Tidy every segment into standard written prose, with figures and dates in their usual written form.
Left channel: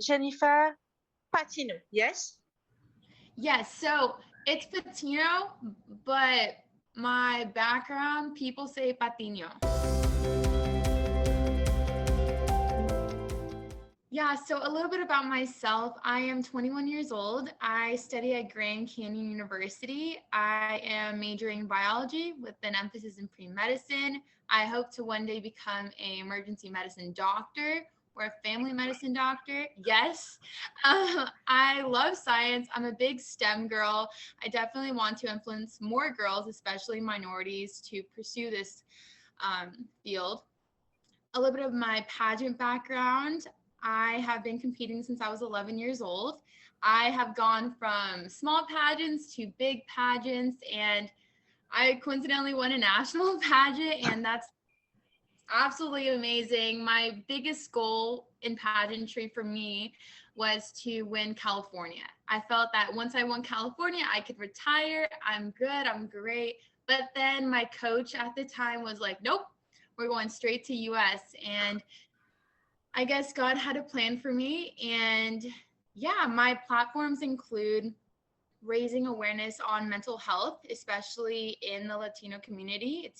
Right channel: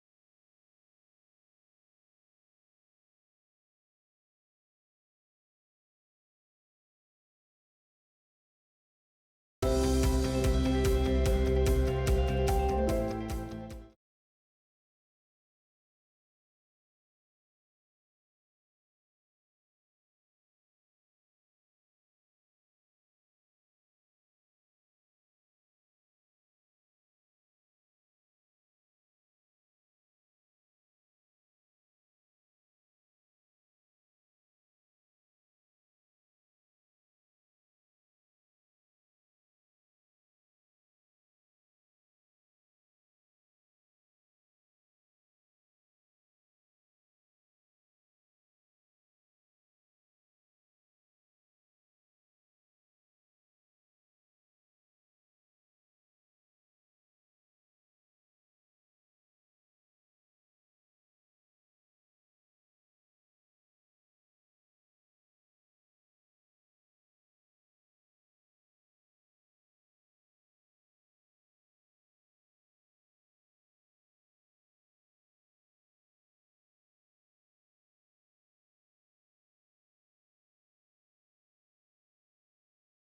Jennifer Patiño, yes? Yes, so it's Patiño, but my background, people say Patiño. Yeah, so a little bit about myself. I am 21 years old. I study at Grand Canyon University. I am majoring in biology with an emphasis in pre-medicine. I hope to one day become an emergency medicine doctor or a family medicine doctor. Yes, I love science. I'm a big STEM girl. I definitely want to influence more girls, especially minorities, to pursue this field. A little bit of my pageant background. I have been competing since I was 11 years old. I have gone from small pageants to big pageants, and I coincidentally won a national pageant, and that's absolutely amazing. My biggest goal in pageantry for me was to win California. I felt that once I won California, I could retire. I'm good. I'm great. But then my coach at the time was like, nope, we're going straight to US. And I guess God had a plan for me. And yeah, my platforms include raising awareness on mental health, especially in the Latino community.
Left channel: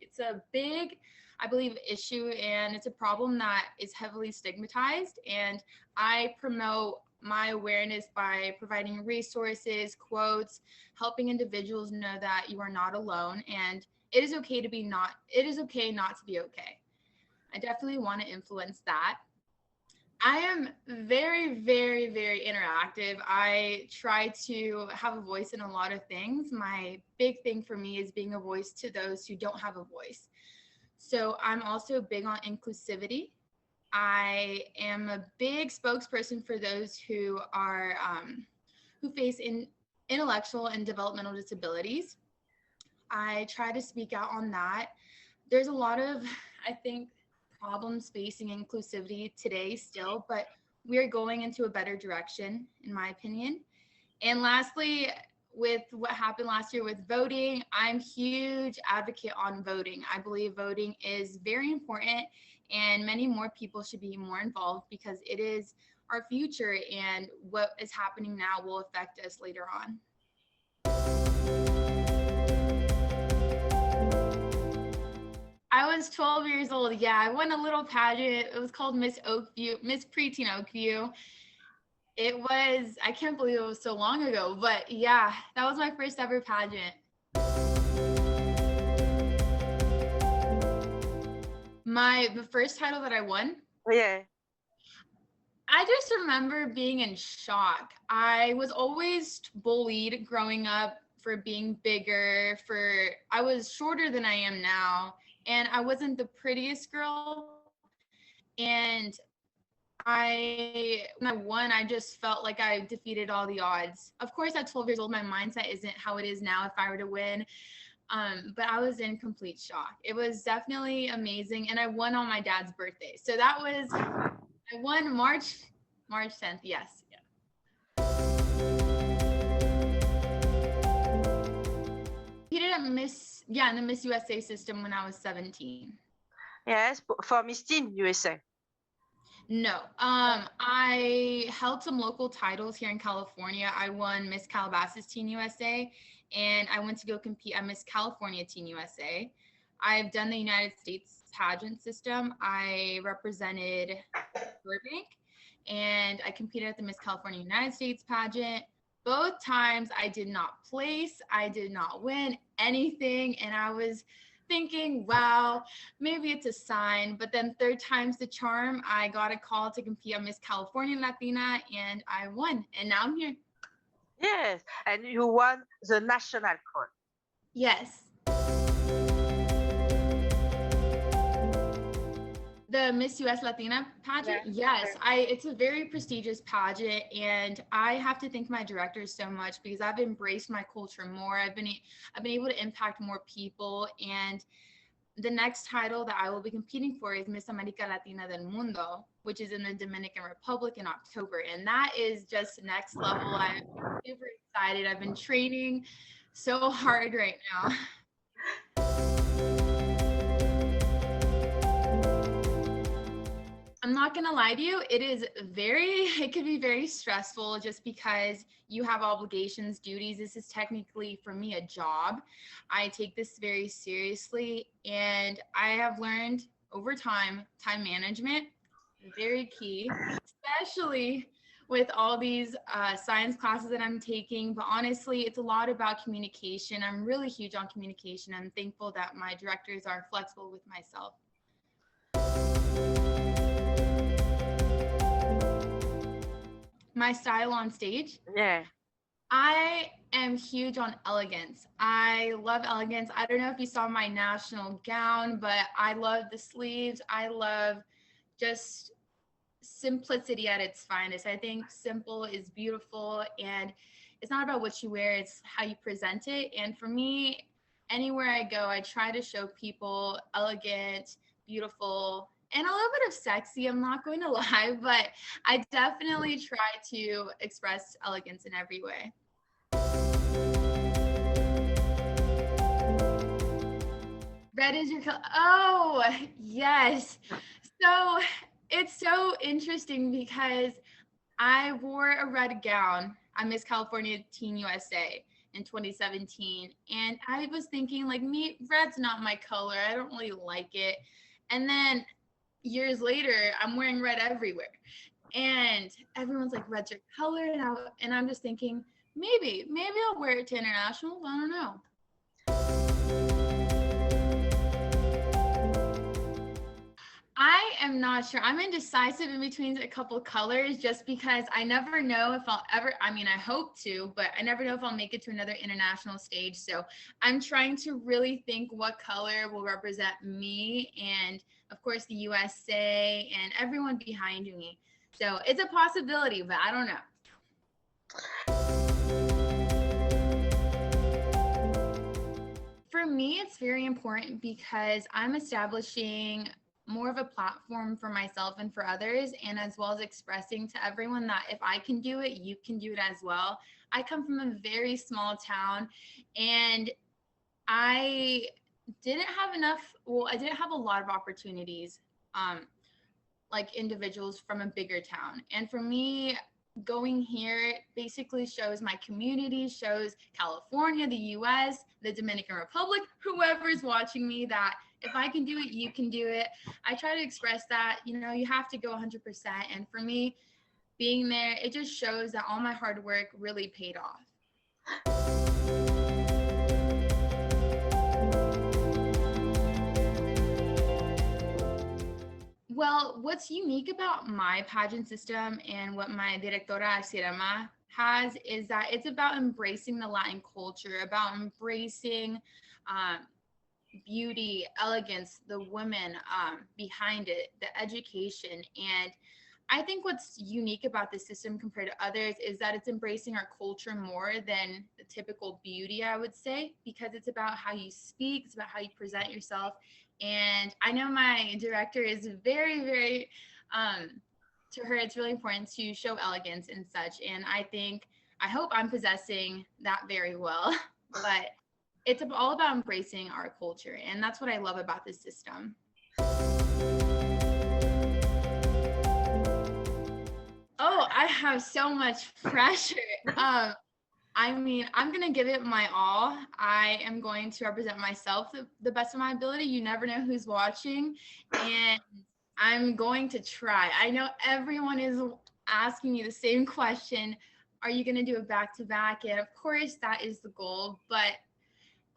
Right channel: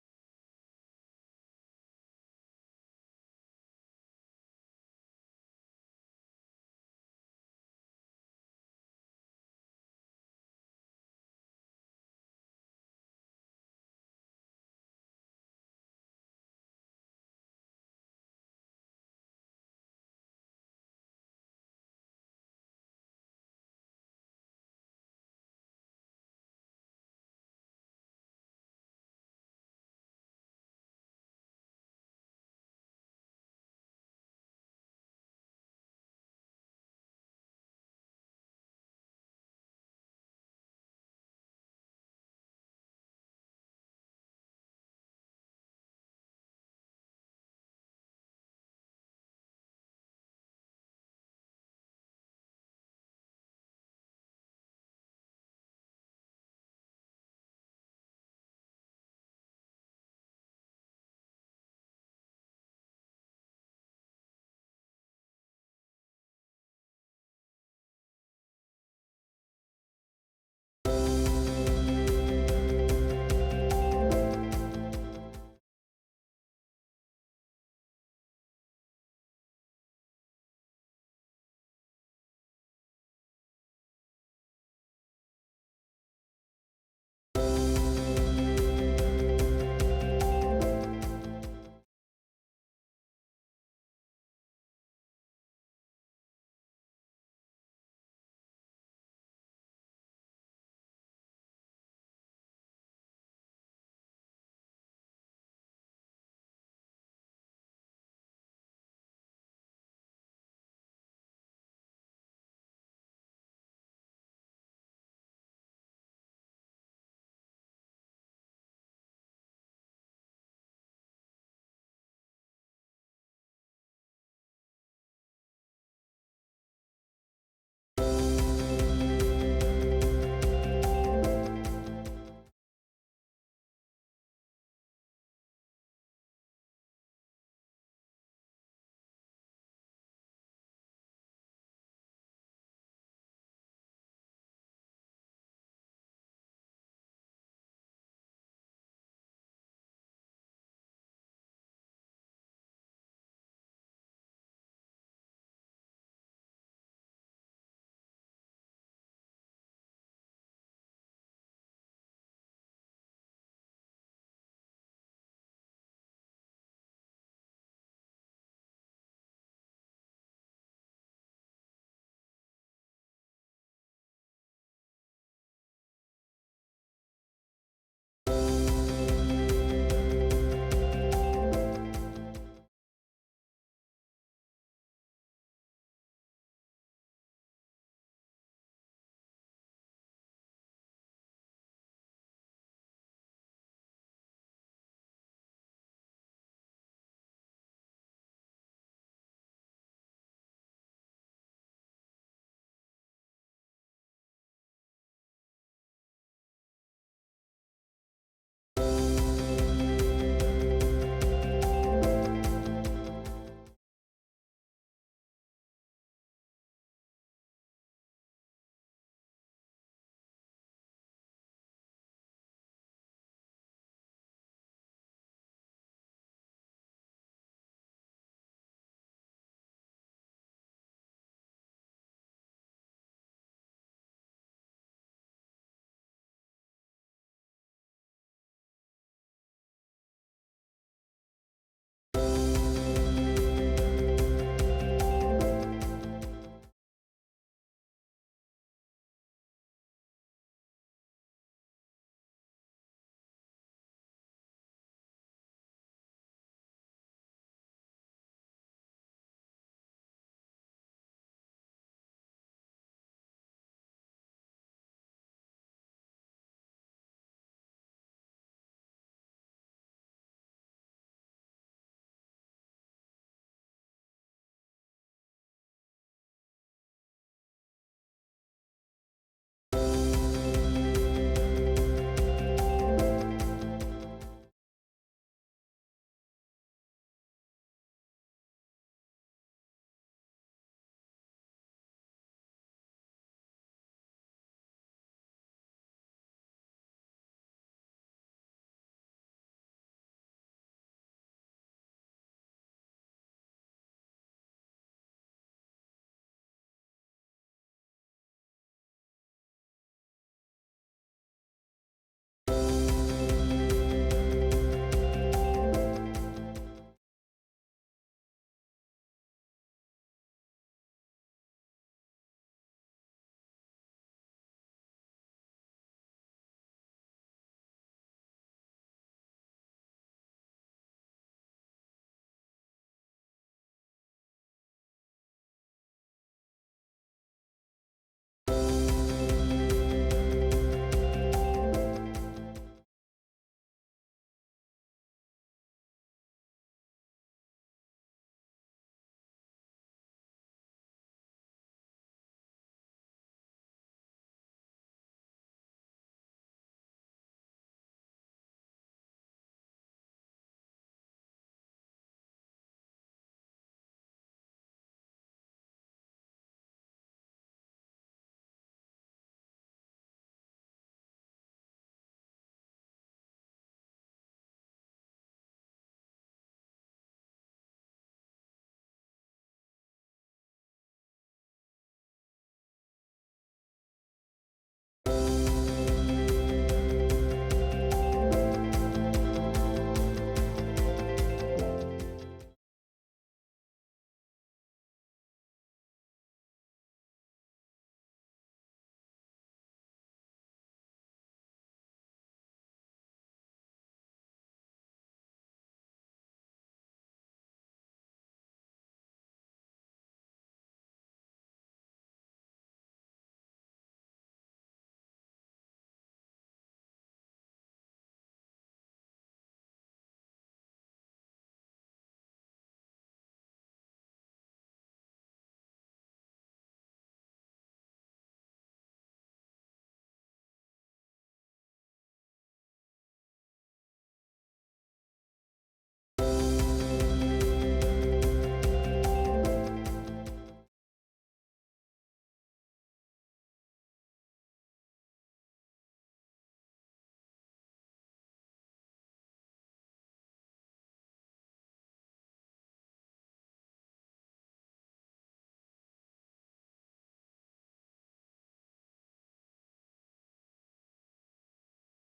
It's a big, I believe, issue, and it's a problem that is heavily stigmatized. And I promote my awareness by providing resources, quotes, helping individuals know that you are not alone, and it is okay not to be okay. I definitely want to influence that. I am very, very, very interactive. I try to have a voice in a lot of things. My big thing for me is being a voice to those who don't have a voice. So I'm also big on inclusivity. I am a big spokesperson for those who are who face intellectual and developmental disabilities. I try to speak out on that. There's a lot of, I think, problems facing inclusivity today still, but we are going into a better direction, in my opinion. And lastly, with what happened last year with voting, I'm huge advocate on voting. I believe voting is very important, and many more people should be more involved because it is our future, and what is happening now will affect us later on. I was 12 years old. Yeah, I won a little pageant. It was called Miss Oakview, Miss Preteen Oakview. It was, I can't believe it was so long ago, but yeah, that was my first ever pageant. The first title that I won, Yeah. I just remember being in shock. I was always bullied growing up for being bigger, I was shorter than I am now, and I wasn't the prettiest girl. And when I won, I just felt like I defeated all the odds. Of course, at 12 years old, my mindset isn't how it is now if I were to win. But I was in complete shock. It was definitely amazing. And I won on my dad's birthday. So I won March 10th. Yes. Yeah. Competed at in the Miss USA system when I was 17. Yes, for Miss Teen USA. No. I held some local titles here in California. I won Miss Calabasas Teen USA, and I went to go compete at Miss California Teen USA. I've done the United States pageant system. I represented Burbank, and I competed at the Miss California United States pageant. Both times I did not place, I did not win anything, and I was thinking, wow, maybe it's a sign. But then third time's the charm. I got a call to compete on Miss California Latina, and I won. And now I'm here. Yes, and you won the national crown. Yes. The Miss US Latina pageant? Yeah. Yes, it's a very prestigious pageant, and I have to thank my directors so much because I've embraced my culture more. I've been able to impact more people, and the next title that I will be competing for is Miss America Latina del Mundo, which is in the Dominican Republic in October, and that is just next level. I'm super excited. I've been training so hard right now. I'm not going to lie to you. It could be very stressful just because you have obligations, duties. This is technically for me a job. I take this very seriously, and I have learned over time management, very key, especially with all these science classes that I'm taking. But honestly, it's a lot about communication. I'm really huge on communication. I'm thankful that my directors are flexible with myself. My style on stage. Yeah. I am huge on elegance. I love elegance. I don't know if you saw my national gown, but I love the sleeves. I love just simplicity at its finest. I think simple is beautiful, and it's not about what you wear, it's how you present it. And for me, anywhere I go, I try to show people elegant, beautiful, and a little bit of sexy. I'm not going to lie, but I definitely try to express elegance in every way. Red is your color. Oh, yes. So it's so interesting because I wore a red gown on Miss California Teen USA in 2017. And I was thinking, like, me, red's not my color. I don't really like it. And then years later, I'm wearing red everywhere. And everyone's like, red's your color. And I'm just thinking, maybe I'll wear it to internationals. I don't know. I am not sure. I'm indecisive in between a couple colors just because I never know if I'll ever, I mean, I hope to, but I never know if I'll make it to another international stage. So I'm trying to really think what color will represent me and, of course, the USA and everyone behind me. So it's a possibility, but I don't know. For me, it's very important because I'm establishing more of a platform for myself and for others, and as well as expressing to everyone that if I can do it, you can do it as well. I come from a very small town, and I I didn't have a lot of opportunities, like individuals from a bigger town. And for me, going here basically shows my community, shows California, the US, the Dominican Republic, whoever's watching me, that if I can do it, you can do it. I try to express that, you have to go 100%. And for me, being there, it just shows that all my hard work really paid off. Well, what's unique about my pageant system and what my directora Sirema has is that it's about embracing the Latin culture, about embracing beauty, elegance, the women behind it, the education. And I think what's unique about this system compared to others is that it's embracing our culture more than the typical beauty, I would say, because it's about how you speak, it's about how you present yourself. And I know my director is very, very, to her, it's really important to show elegance and such. And I hope I'm possessing that very well. But it's all about embracing our culture. And that's what I love about this system. Oh, I have so much pressure. I'm going to give it my all. I am going to represent myself the best of my ability. You never know who's watching. And I'm going to try. I know everyone is asking me the same question. Are you going to do a back-to-back? And of course, that is the goal. But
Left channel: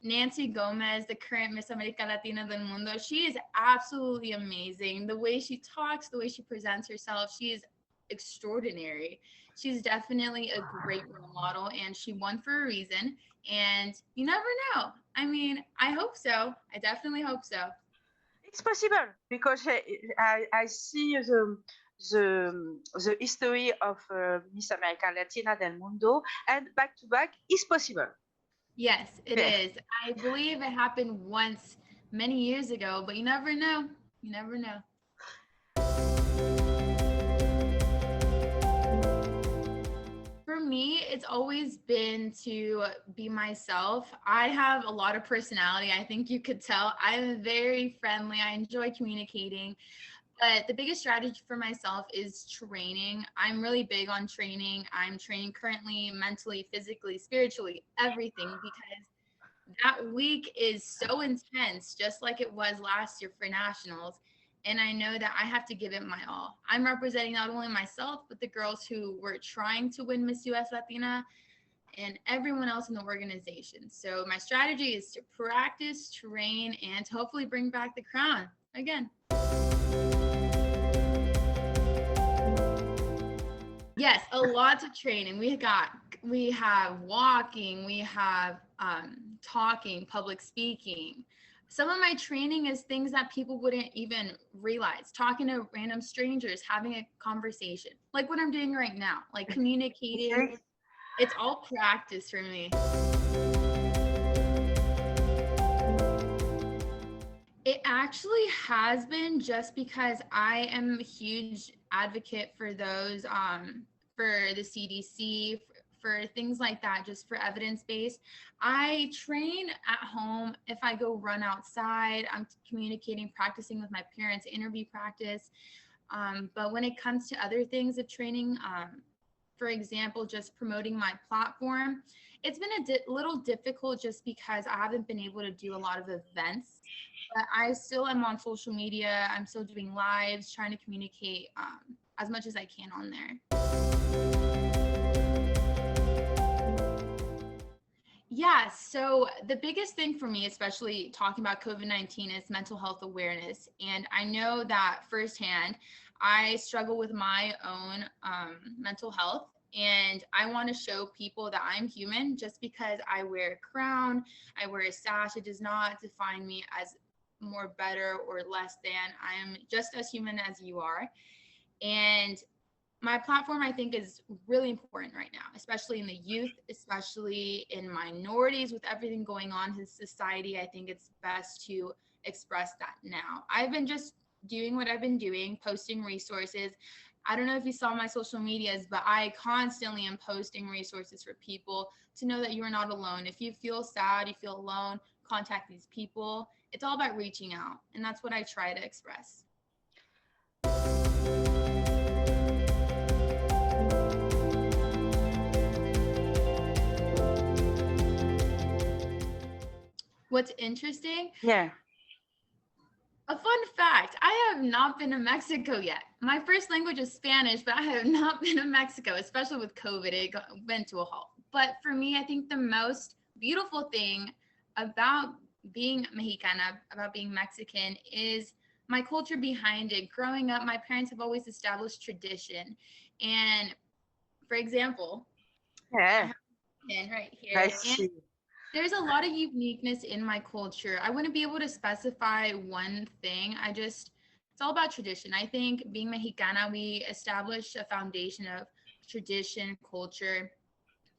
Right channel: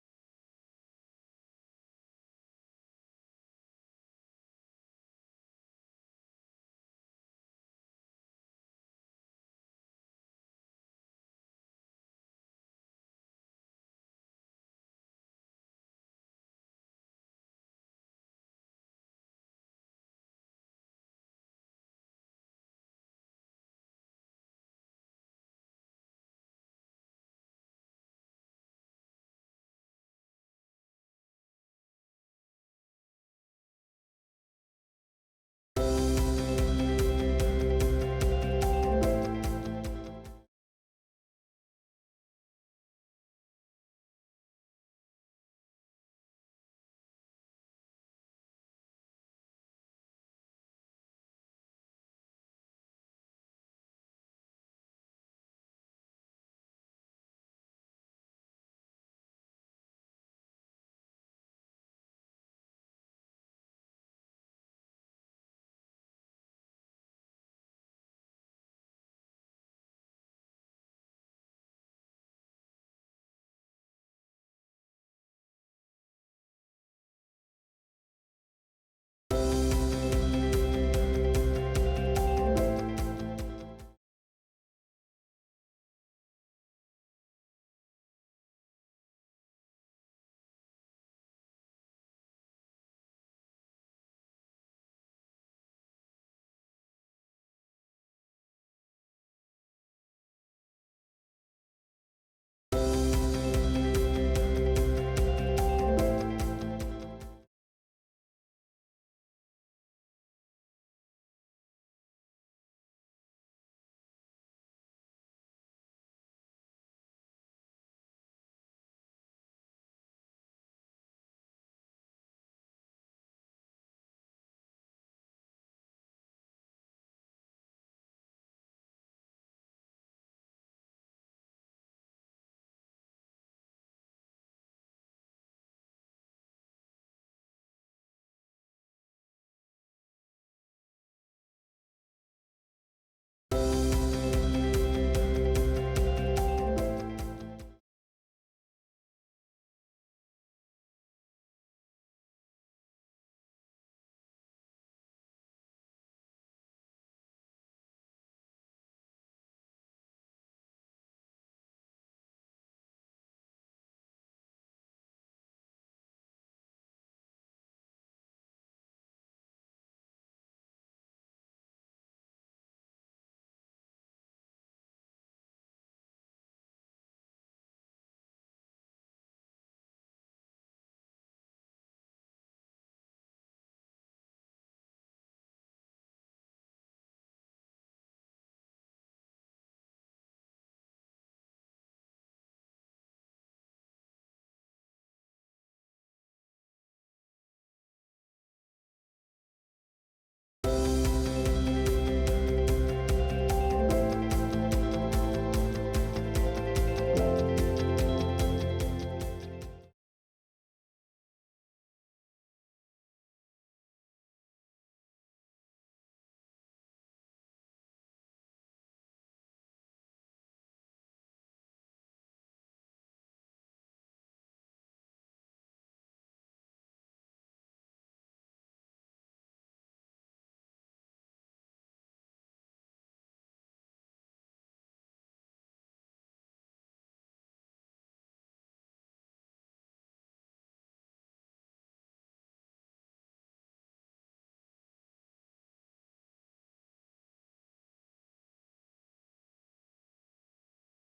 Nancy Gomez, the current Miss America Latina del Mundo, she is absolutely amazing. The way she talks, the way she presents herself, she is extraordinary. She's definitely a great role model, and she won for a reason. And you never know. I hope so. I definitely hope so. It's possible because I see the history of Miss America Latina del Mundo, and back to back is possible. Yes, it is. I believe it happened once many years ago, but you never know. You never know. For me, it's always been to be myself. I have a lot of personality. I think you could tell. I'm very friendly. I enjoy communicating. But the biggest strategy for myself is training. I'm really big on training. I'm training currently, mentally, physically, spiritually, everything, because that week is so intense, just like it was last year for nationals. And I know that I have to give it my all. I'm representing not only myself, but the girls who were trying to win Miss US Latina and everyone else in the organization. So my strategy is to practice, train, and to hopefully bring back the crown again. Yes, a lot of training. We have walking, we have talking, public speaking. Some of my training is things that people wouldn't even realize. Talking to random strangers, having a conversation, like what I'm doing right now, like communicating. Okay. It's all practice for me. It actually has been, just because I am a huge advocate for those, for the CDC, for things like that, just for evidence based. I train at home. If I go run outside, I'm communicating, practicing with my parents, interview practice. But when it comes to other things of training, for example, just promoting my platform, it's been a little difficult just because I haven't been able to do a lot of events. But I still am on social media. I'm still doing lives, trying to communicate as much as I can on there. Yeah, so the biggest thing for me, especially talking about COVID-19, is mental health awareness. And I know that firsthand. I struggle with my own mental health, and I want to show people that I'm human. Just because I wear a crown, I wear a sash, it does not define me as more better or less than. I am just as human as you are. And my platform, I think, is really important right now, especially in the youth, especially in minorities. With everything going on in society, I think it's best to express that now. I've been just doing what I've been doing, posting resources. I don't know if you saw my social medias, but I constantly am posting resources for people to know that you are not alone. If you feel sad, you feel alone, contact these people. It's all about reaching out, and that's what I try to express. What's interesting? Yeah. A fun fact, I have not been to Mexico yet. My first language is Spanish, but I have not been to Mexico, especially with COVID. It went to a halt. But for me, I think the most beautiful thing about being Mexicana, about being Mexican, is my culture behind it. Growing up, my parents have always established tradition. And for example, I Yeah. have a pin right I here. And see. there's a lot of uniqueness in my culture. I wouldn't be able to specify one thing. It's all about tradition. I think being Mexicana, we establish a foundation of tradition, culture.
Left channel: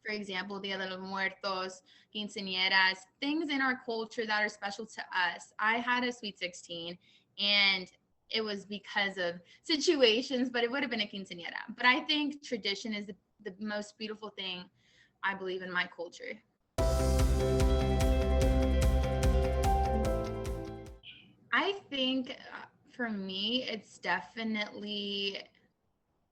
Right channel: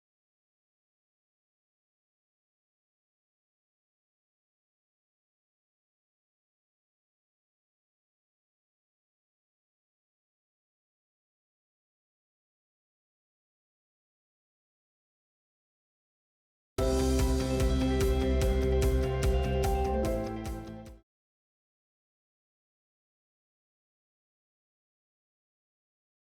For example, Dia de los Muertos, quinceañeras, things in our culture that are special to us. I had a sweet 16, and it was because of situations, but it would have been a quinceañera. But I think tradition is the most beautiful thing, I believe, in my culture. I think for me, it's definitely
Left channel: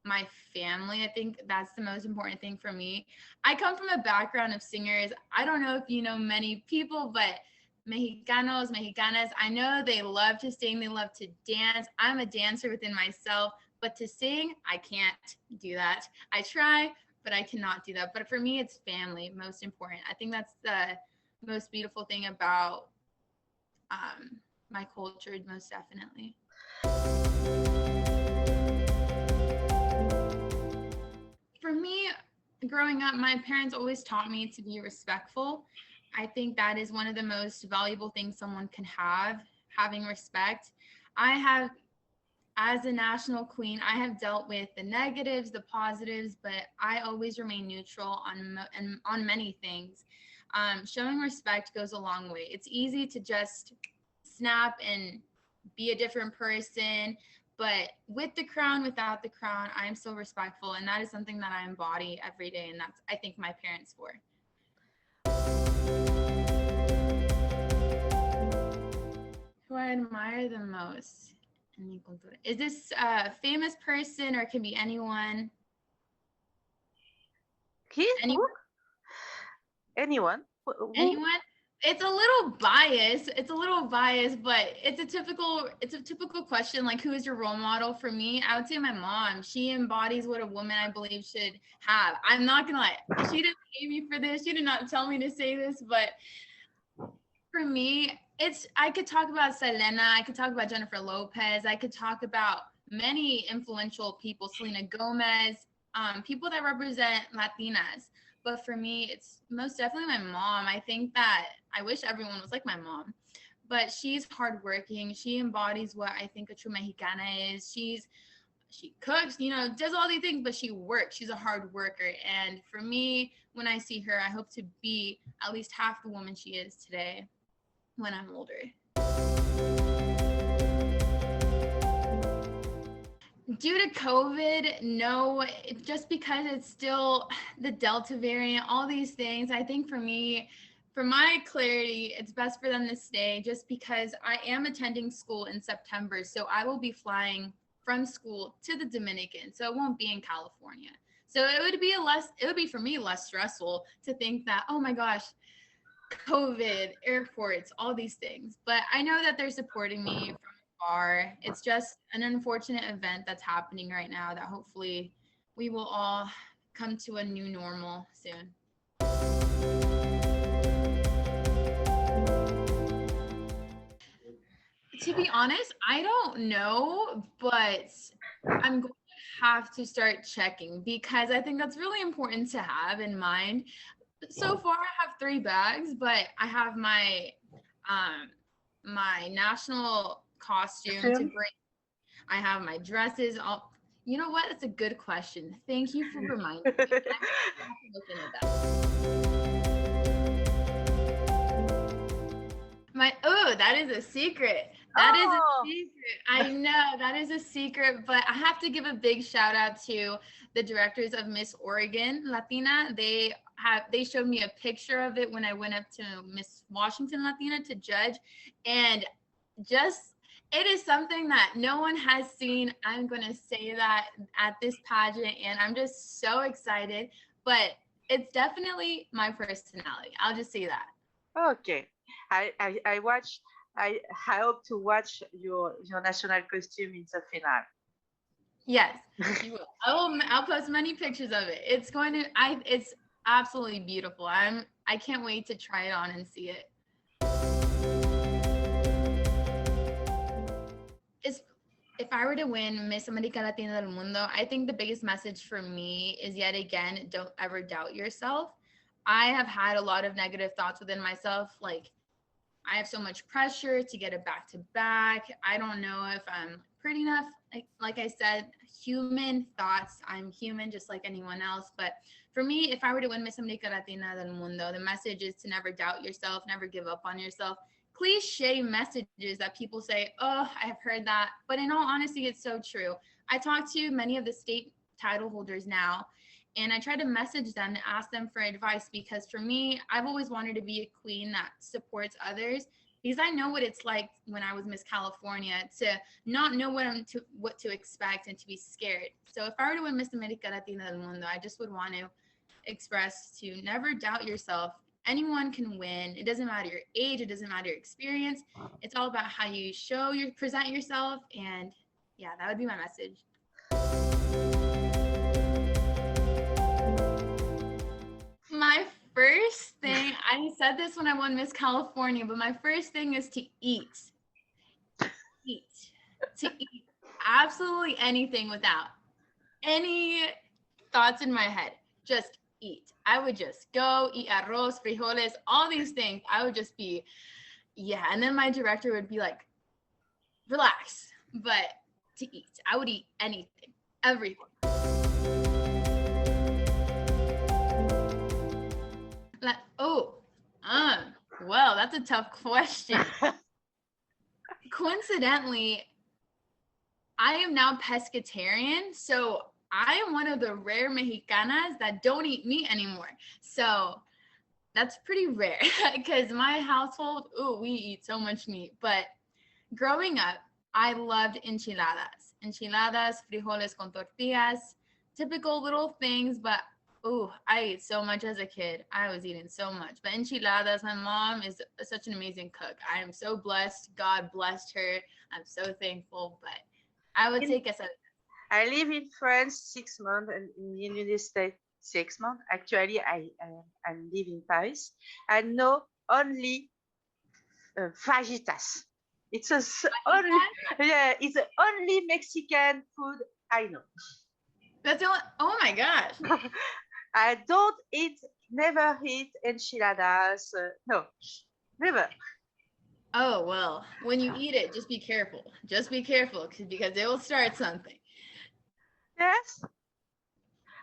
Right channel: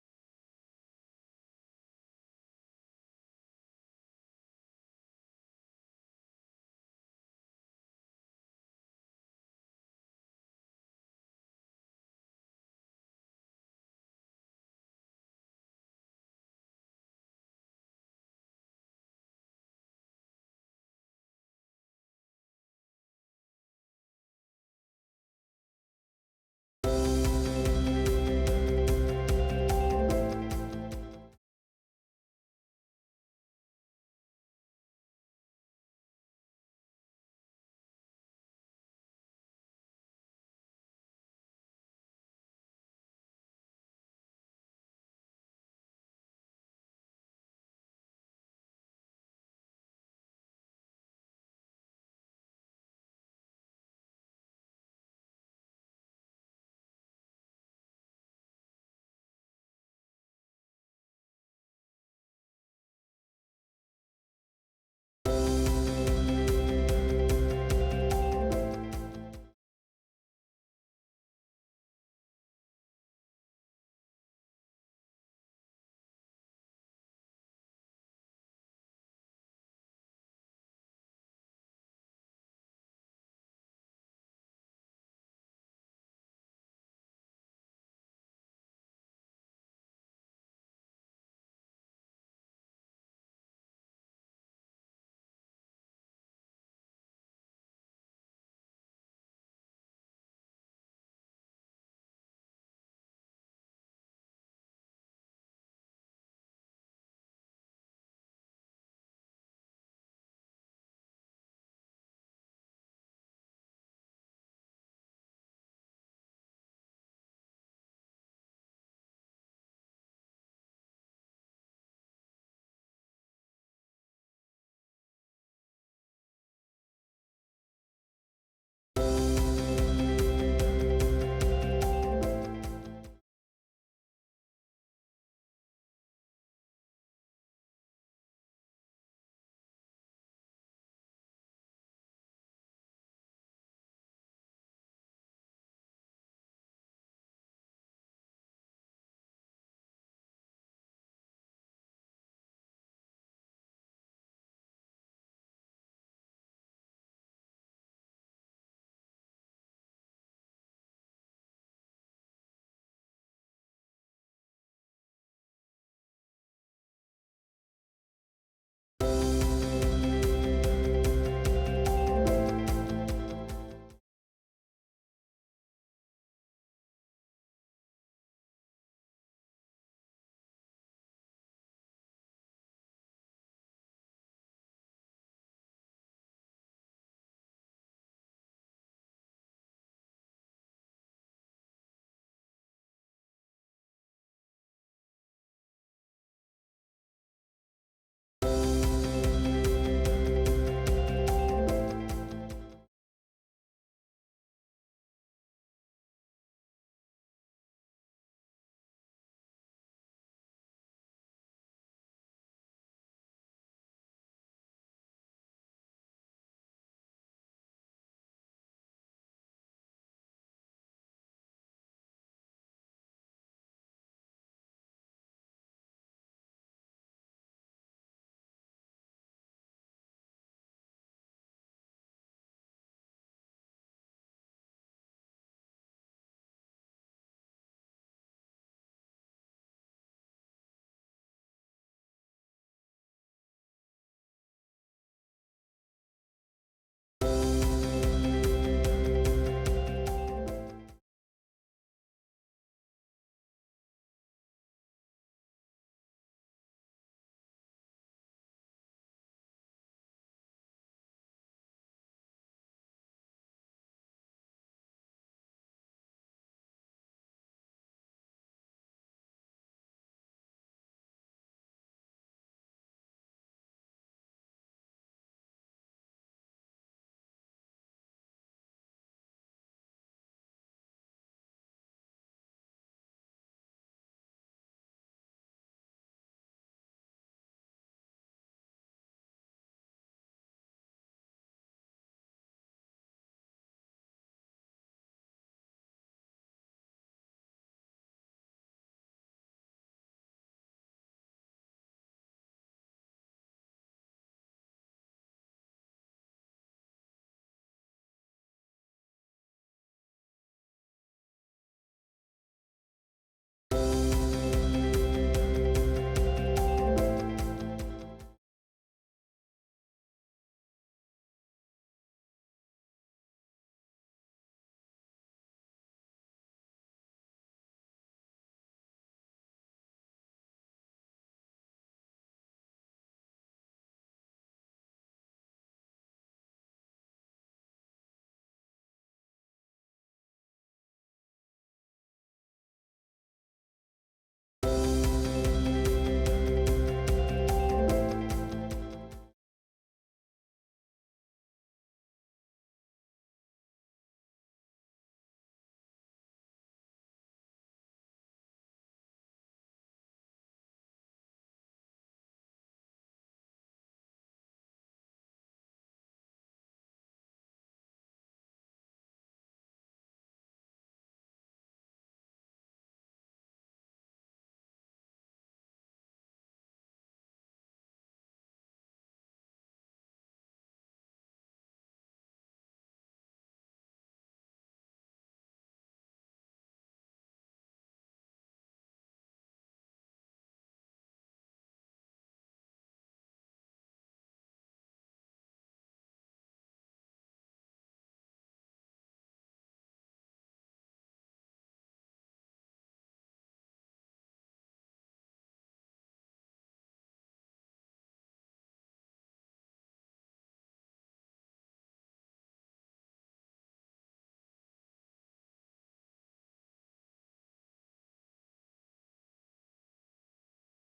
my family. I think that's the most important thing for me. I come from a background of singers. I don't know if you know many people, but Mexicanos, Mexicanas, I know they love to sing, they love to dance. I'm a dancer within myself, but to sing, I can't do that. I try, but I cannot do that. But for me, it's family, most important. I think that's the most beautiful thing about my culture, most definitely. For me, growing up, my parents always taught me to be respectful. I think that is one of the most valuable things someone can have, having respect. I have, as a national queen, I have dealt with the negatives, the positives, but I always remain neutral on many things. Showing respect goes a long way. It's easy to just snap and be a different person, but with the crown, without the crown, I am so respectful, and that is something that I embody every day, and that's, I think, my parents for. Who I admire the most. Is this a famous person or it can be anyone? Qui? Any, Who? Anyone? Who? anyone? It's a little biased. It's a little biased, but it's a typical question. Like, who is your role model? For me, I would say my mom. She embodies what a woman I believe should have. I'm not gonna lie. She didn't pay me for this. She did not tell me to say this, but for me, I could talk about Selena, I could talk about Jennifer Lopez, I could talk about many influential people, Selena Gomez, people that represent Latinas. But for me, it's most definitely my mom. I think that I wish everyone was like my mom, but she's hardworking. She embodies what I think a true Mexicana is. She cooks, does all these things, but she works. She's a hard worker. And for me, when I see her, I hope to be at least half the woman she is today when I'm older. Due to COVID, no, just because it's still the Delta variant, all these things, I think for me, for my clarity, it's best for them to stay just because I am attending school in September. So I will be flying from school to the Dominican. So it won't be in California. So it would be for me less stressful to think that, oh my gosh, COVID, airports, all these things. But I know that they're supporting me from afar. It's just an unfortunate event that's happening right now that hopefully we will all come to a new normal soon. To be honest, I don't know, but I'm going to have to start checking because I think that's really important to have in mind. So far I have 3 bags, but I have my national costume to bring. I have my dresses. All, you know what? That's a good question. Thank you for reminding me. I have to look into that. That is a secret. That is a secret. I know that is a secret, but I have to give a big shout out to the directors of Miss Oregon Latina. They showed me a picture of it when I went up to Miss Washington Latina to judge, and just it is something that no one has seen. I'm going to say that at this pageant, and I'm just so excited, but it's definitely my personality. I'll just say that. Okay. I watch. I hope to watch your national costume in the finale. Yes, you will. I'll post many pictures of it. It's absolutely beautiful. I can't wait to try it on and see it. If I were to win Miss America Latina del Mundo, I think the biggest message for me is yet again, don't ever doubt yourself. I have had a lot of negative thoughts within myself, like I have so much pressure to get it back to back. I don't know if I'm pretty enough. Like I said, human thoughts. I'm human just like anyone else. But for me, if I were to win Miss America Latina del Mundo, the message is to never doubt yourself, never give up on yourself. Cliche messages that people say, oh, I've heard that. But in all honesty, it's so true. I talk to many of the state title holders now, and I try to message them to ask them for advice because for me, I've always wanted to be a queen that supports others because I know what it's like when I was Miss California to not know what to expect and to be scared. So if I were to win Miss America Latina del Mundo, I just would want to express to never doubt yourself. Anyone can win. It doesn't matter your age. It doesn't matter your experience. It's all about how you present yourself. And yeah, that would be my message. My first thing, I said this when I won Miss California, but my first thing is to eat. Eat. To eat absolutely anything without any thoughts in my head. Just eat. I would just go eat arroz, frijoles, all these things. I would just be, yeah. And then my director would be like, relax. But to eat, I would eat anything, everything. Like, well, that's a tough question. Coincidentally, I am now pescatarian, so I am one of the rare Mexicanas that don't eat meat anymore. So that's pretty rare because my household, we eat so much meat. But growing up, I loved enchiladas. Enchiladas, frijoles con tortillas, typical little things, but oh, I ate so much as a kid. I was eating so much. But enchiladas, my mom is such an amazing cook. I am so blessed. God blessed her. I'm so thankful. But I would In, say quesadillas. I live in France 6 months and in the United States 6 months. Actually, I live in Paris. I know only fajitas. It's only yeah, it's the only Mexican food I know. That's the only, oh my gosh. I don't eat, never eat enchiladas. No, never. Oh, well, when you eat it, just be careful. Just be careful because it will start something. Yes,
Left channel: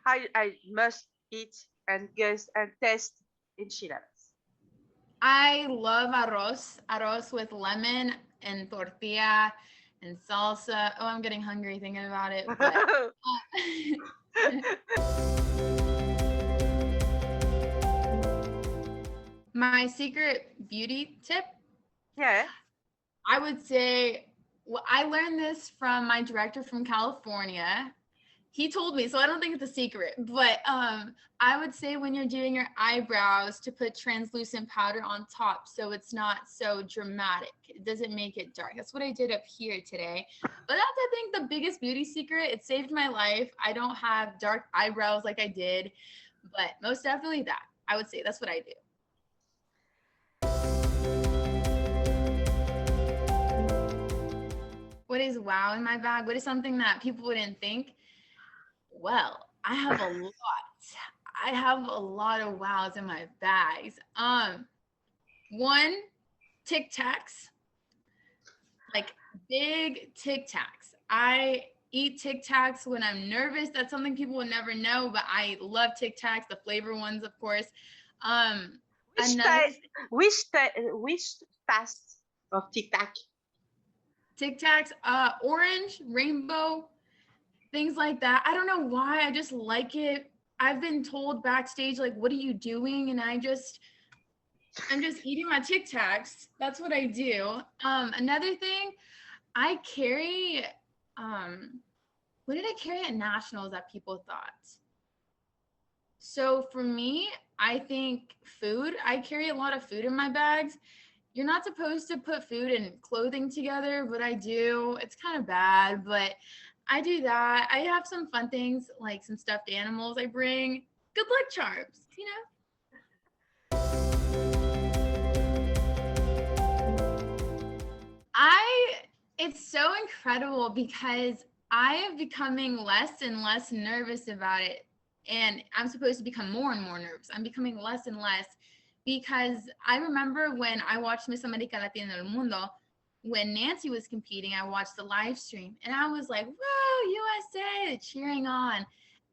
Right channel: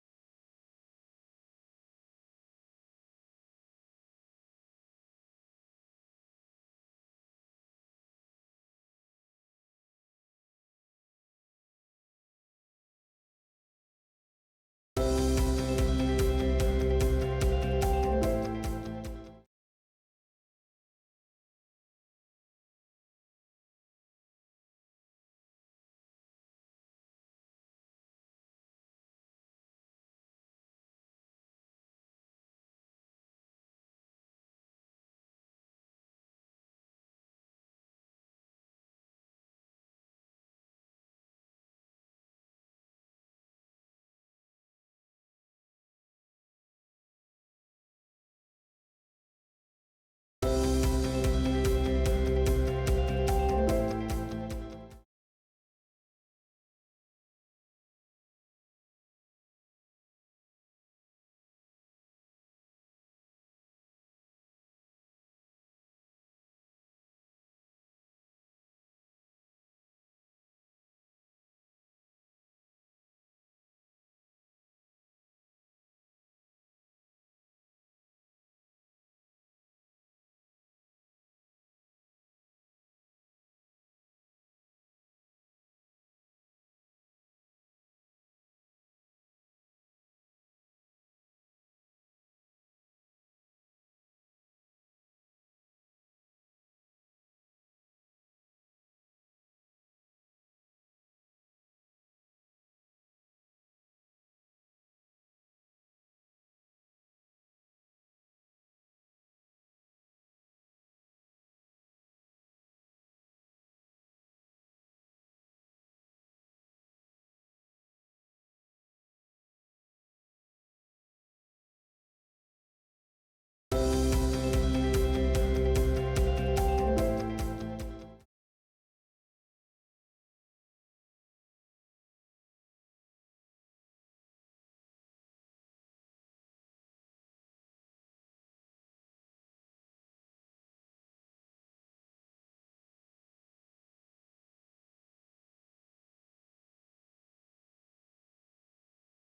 I must eat and guess and test enchiladas. I love arroz with lemon and tortilla and salsa. Oh, I'm getting hungry thinking about it. But my secret beauty tip, Yeah. I would say, well, I learned this from my director from California. He told me, so I don't think it's a secret, but I would say when you're doing your eyebrows to put translucent powder on top so it's not so dramatic. It doesn't make it dark. That's what I did up here today. But that's, I think, the biggest beauty secret. It saved my life. I don't have dark eyebrows like I did, but most definitely that. I would say that's what I do. What is wow in my bag? What is something that people wouldn't think? Well, I have a lot. I have a lot of wows in my bags. One, Tic Tacs, like big Tic Tacs. I eat Tic Tacs when I'm nervous. That's something people would never know, but I love Tic Tacs, the flavor ones, of course. Um, Which Another type? Which fast of Tic Tac? Tic Tacs, orange, rainbow, things like that. I don't know why. I just like it. I've been told backstage, like, what are you doing? And I'm just eating my Tic Tacs. That's what I do. Another thing, I carry, what did I carry at nationals that people thought? So for me, I think food. I carry a lot of food in my bags. You're not supposed to put food and clothing together, but I do. It's kind of bad, but I do that. I have some fun things like some stuffed animals I bring. Good luck charms, you know? It's so incredible because I am becoming less and less nervous about it. And I'm supposed to become more and more nervous. I'm becoming less and less because I remember when I watched Miss America Latina del Mundo, when Nancy was competing, I watched the live stream and I was like, whoa, USA, cheering on.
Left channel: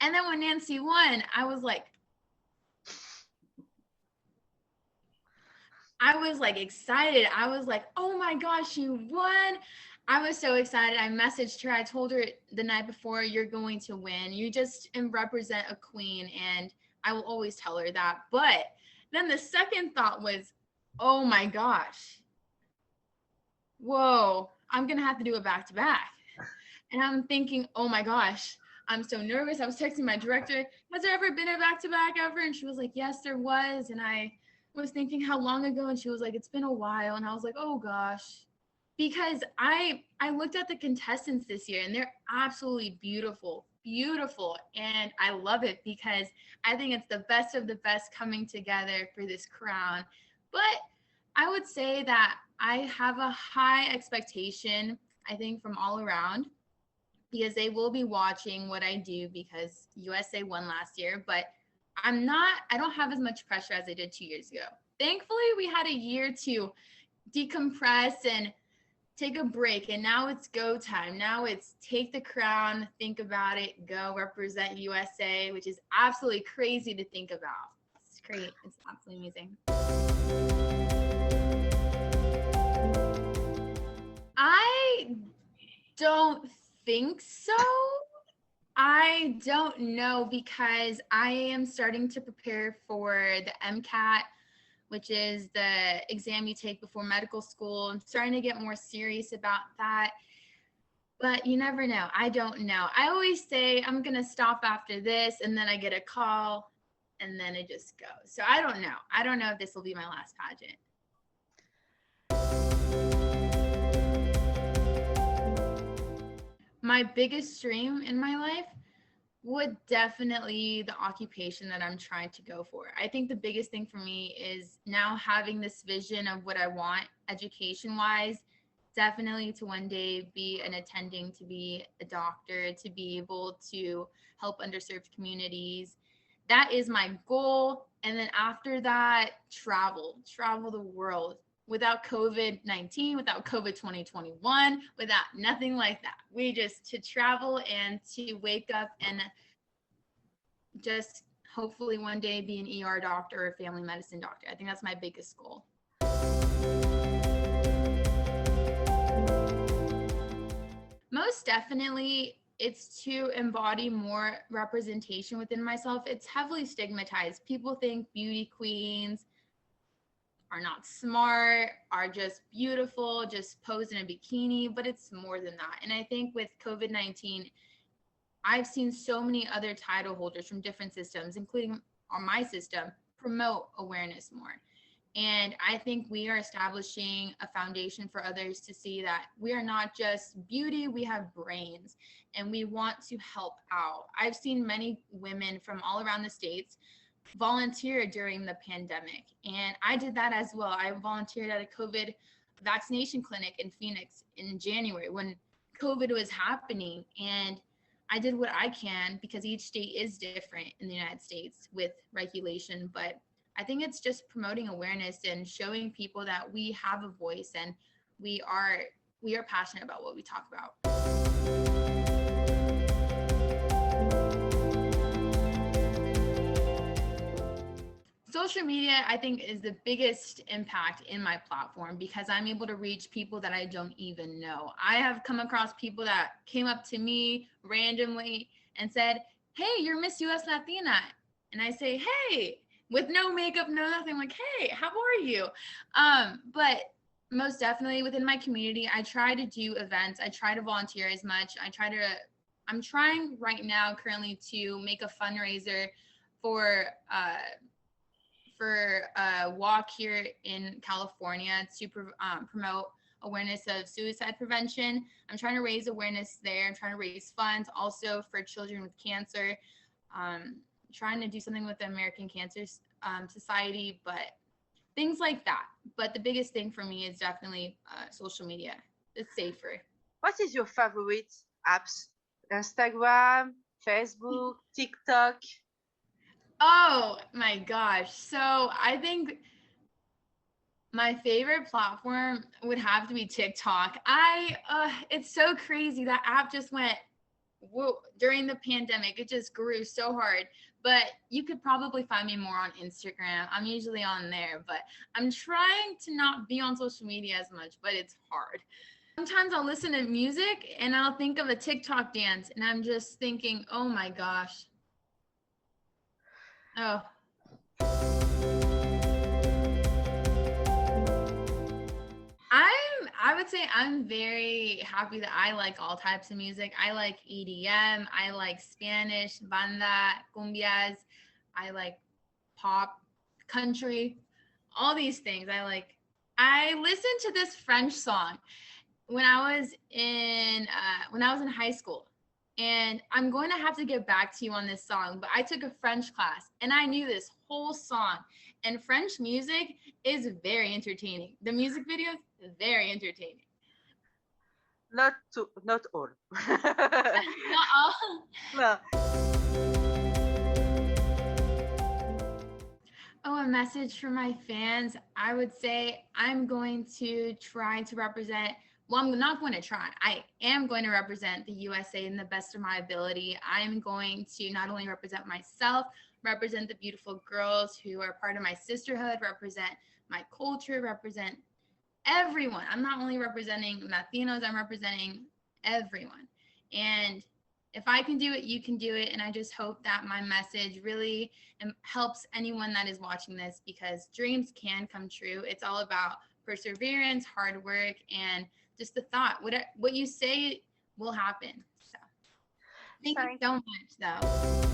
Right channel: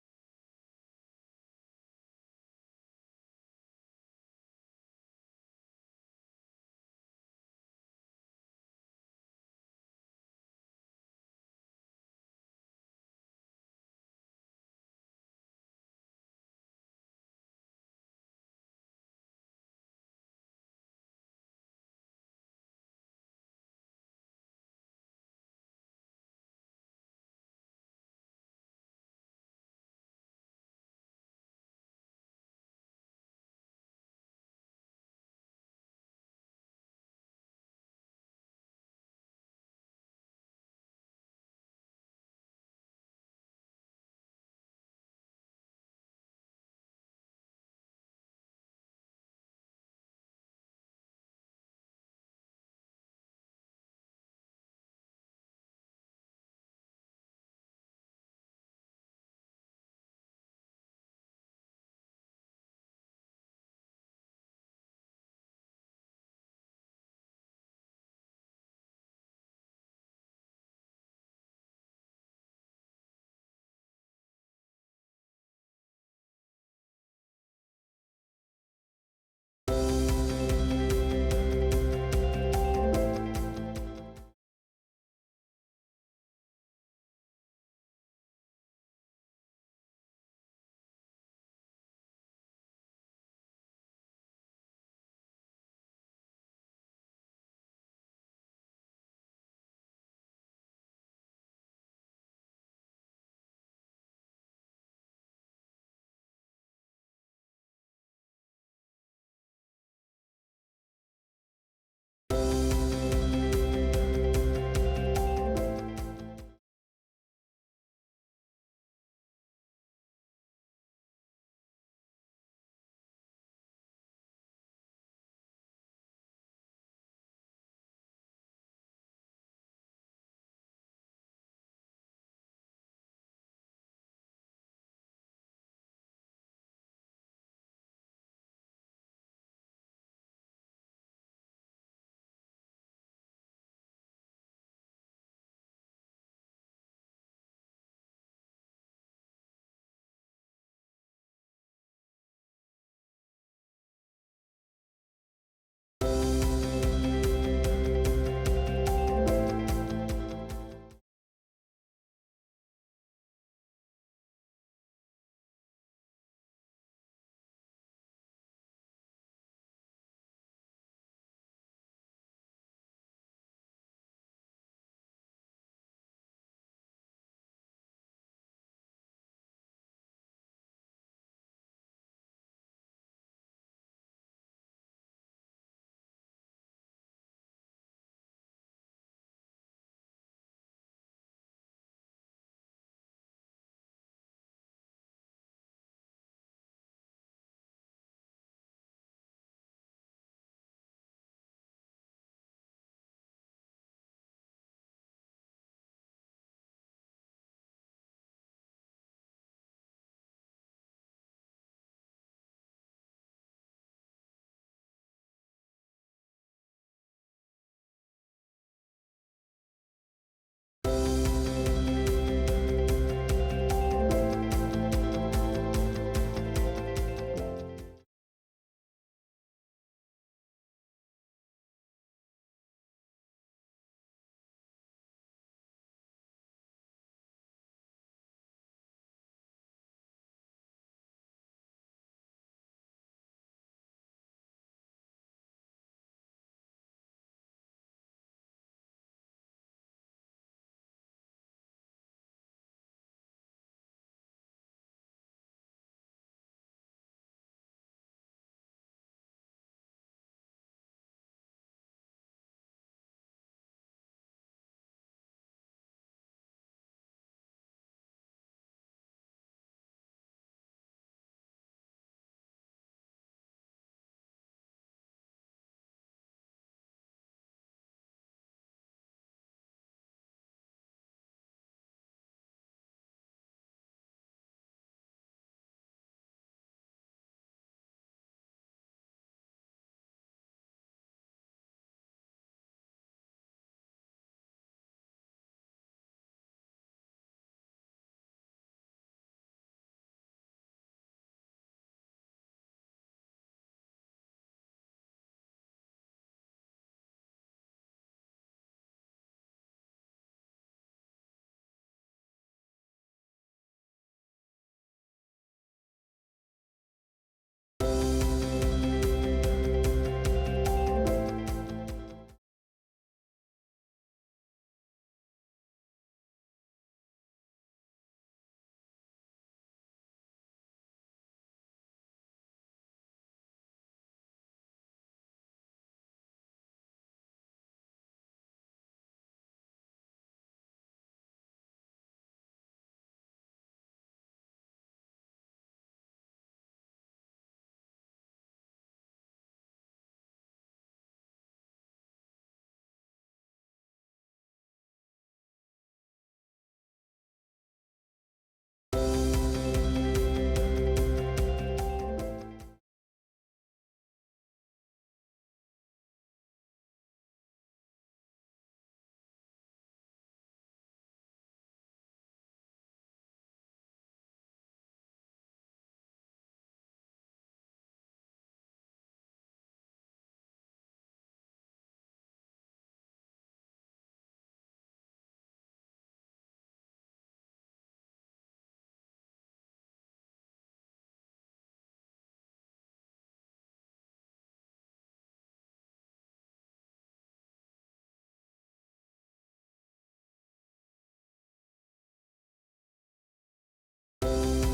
And then when Nancy won, I was like excited. I was like, oh my gosh, you won. I was so excited. I messaged her. I told her the night before, you're going to win. You just represent a queen. And I will always tell her that. But then the second thought was, oh my gosh, whoa, I'm going to have to do it back to back. And I'm thinking, oh my gosh, I'm so nervous. I was texting my director, has there ever been a back to back ever? And she was like, yes, there was. And I was thinking how long ago, and she was like, it's been a while. And I was like, oh gosh, because I looked at the contestants this year and they're absolutely beautiful, and I love it because I think it's the best of the best coming together for this crown. But I would say that I have a high expectation, I think, from all around, because they will be watching what I do because USA won last year, but I don't have as much pressure as I did 2 years ago. Thankfully, we had a year to decompress and take a break, and now it's go time. Now it's take the crown, think about it, go represent USA, which is absolutely crazy to think about. It's great. It's absolutely amazing. I don't think so. I don't know because I am starting to prepare for the MCAT, which is the exam you take before medical school. I'm starting to get more serious about that. But you never know. I don't know. I always say I'm going to stop after this, and then I get a call, and then it just goes. So I don't know. I don't know if this will be my last pageant. My biggest dream in my life would definitely the occupation that I'm trying to go for. I think the biggest thing for me is now having this vision of what I want education wise, definitely to one day be an attending, to be a doctor, to be able to help underserved communities. That is my goal. And then after that, travel the world without COVID-19, without COVID 2021, without nothing like that. We just to travel and to wake up and just hopefully one day be an ER doctor or a family medicine doctor. I think that's my biggest goal. Most definitely, it's to embody more representation within myself. It's heavily stigmatized. People think beauty queens are not smart, are just beautiful, just pose in a bikini, but it's more than that. And I think with COVID-19, I've seen so many other title holders from different systems, including on my system, promote awareness more. And I think we are establishing a foundation for others to see that we are not just beauty, we have brains and we want to help out. I've seen many women from all around the States volunteer during the pandemic, and I did that as well. I volunteered at a COVID vaccination clinic in Phoenix in January when COVID was happening. And I did what I can because each state is different in the United States with regulation. But I think it's just promoting awareness and showing people that we have a voice and we are passionate about what we talk about. Social media, I think, is the biggest impact in my platform because I'm able to reach people that I don't even know. I have come across people that came up to me randomly and said, "Hey, you're Miss US Latina." And I say, "Hey," with no makeup, no nothing, like, "Hey, how are you?" But most definitely within my community, I try to do events. I try to volunteer as much. I'm trying right now currently to make a fundraiser for a walk here in California to promote awareness of suicide prevention. I'm trying to raise awareness there. I'm trying to raise funds also for children with cancer. Trying to do something with the American Cancer Society, but things like that. But the biggest thing for me is definitely social media. It's safer. What is your favorite apps? Instagram, Facebook, TikTok? Oh my gosh. So I think my favorite platform would have to be TikTok. It's so crazy. That app just went whoa during the pandemic. It just grew so hard. But you could probably find me more on Instagram. I'm usually on there, but I'm trying to not be on social media as much, but it's hard. Sometimes I'll listen to music and I'll think of a TikTok dance and I'm just thinking, oh my gosh. Oh, I would say I'm very happy that I like all types of music. I like EDM, I like Spanish, banda, cumbias, I like pop, country, all these things. I listened to this French song when I was in high school. And I'm going to have to get back to you on this song, but I took a French class and I knew this whole song. And French music is very entertaining. The music videos, very entertaining. Not all. Not all. No. Oh, a message for my fans. I would say I'm going to try to represent, well, I'm not going to try. I am going to represent the USA in the best of my ability. I'm going to not only represent myself, represent the beautiful girls who are part of my sisterhood, represent my culture, represent everyone. I'm not only representing Latinos, I'm representing everyone. And if I can do it, you can do it. And I just hope that my message really helps anyone that is watching this because dreams can come true. It's all about perseverance, hard work, and just the thought. What you say will happen. So thank you Thank so much though.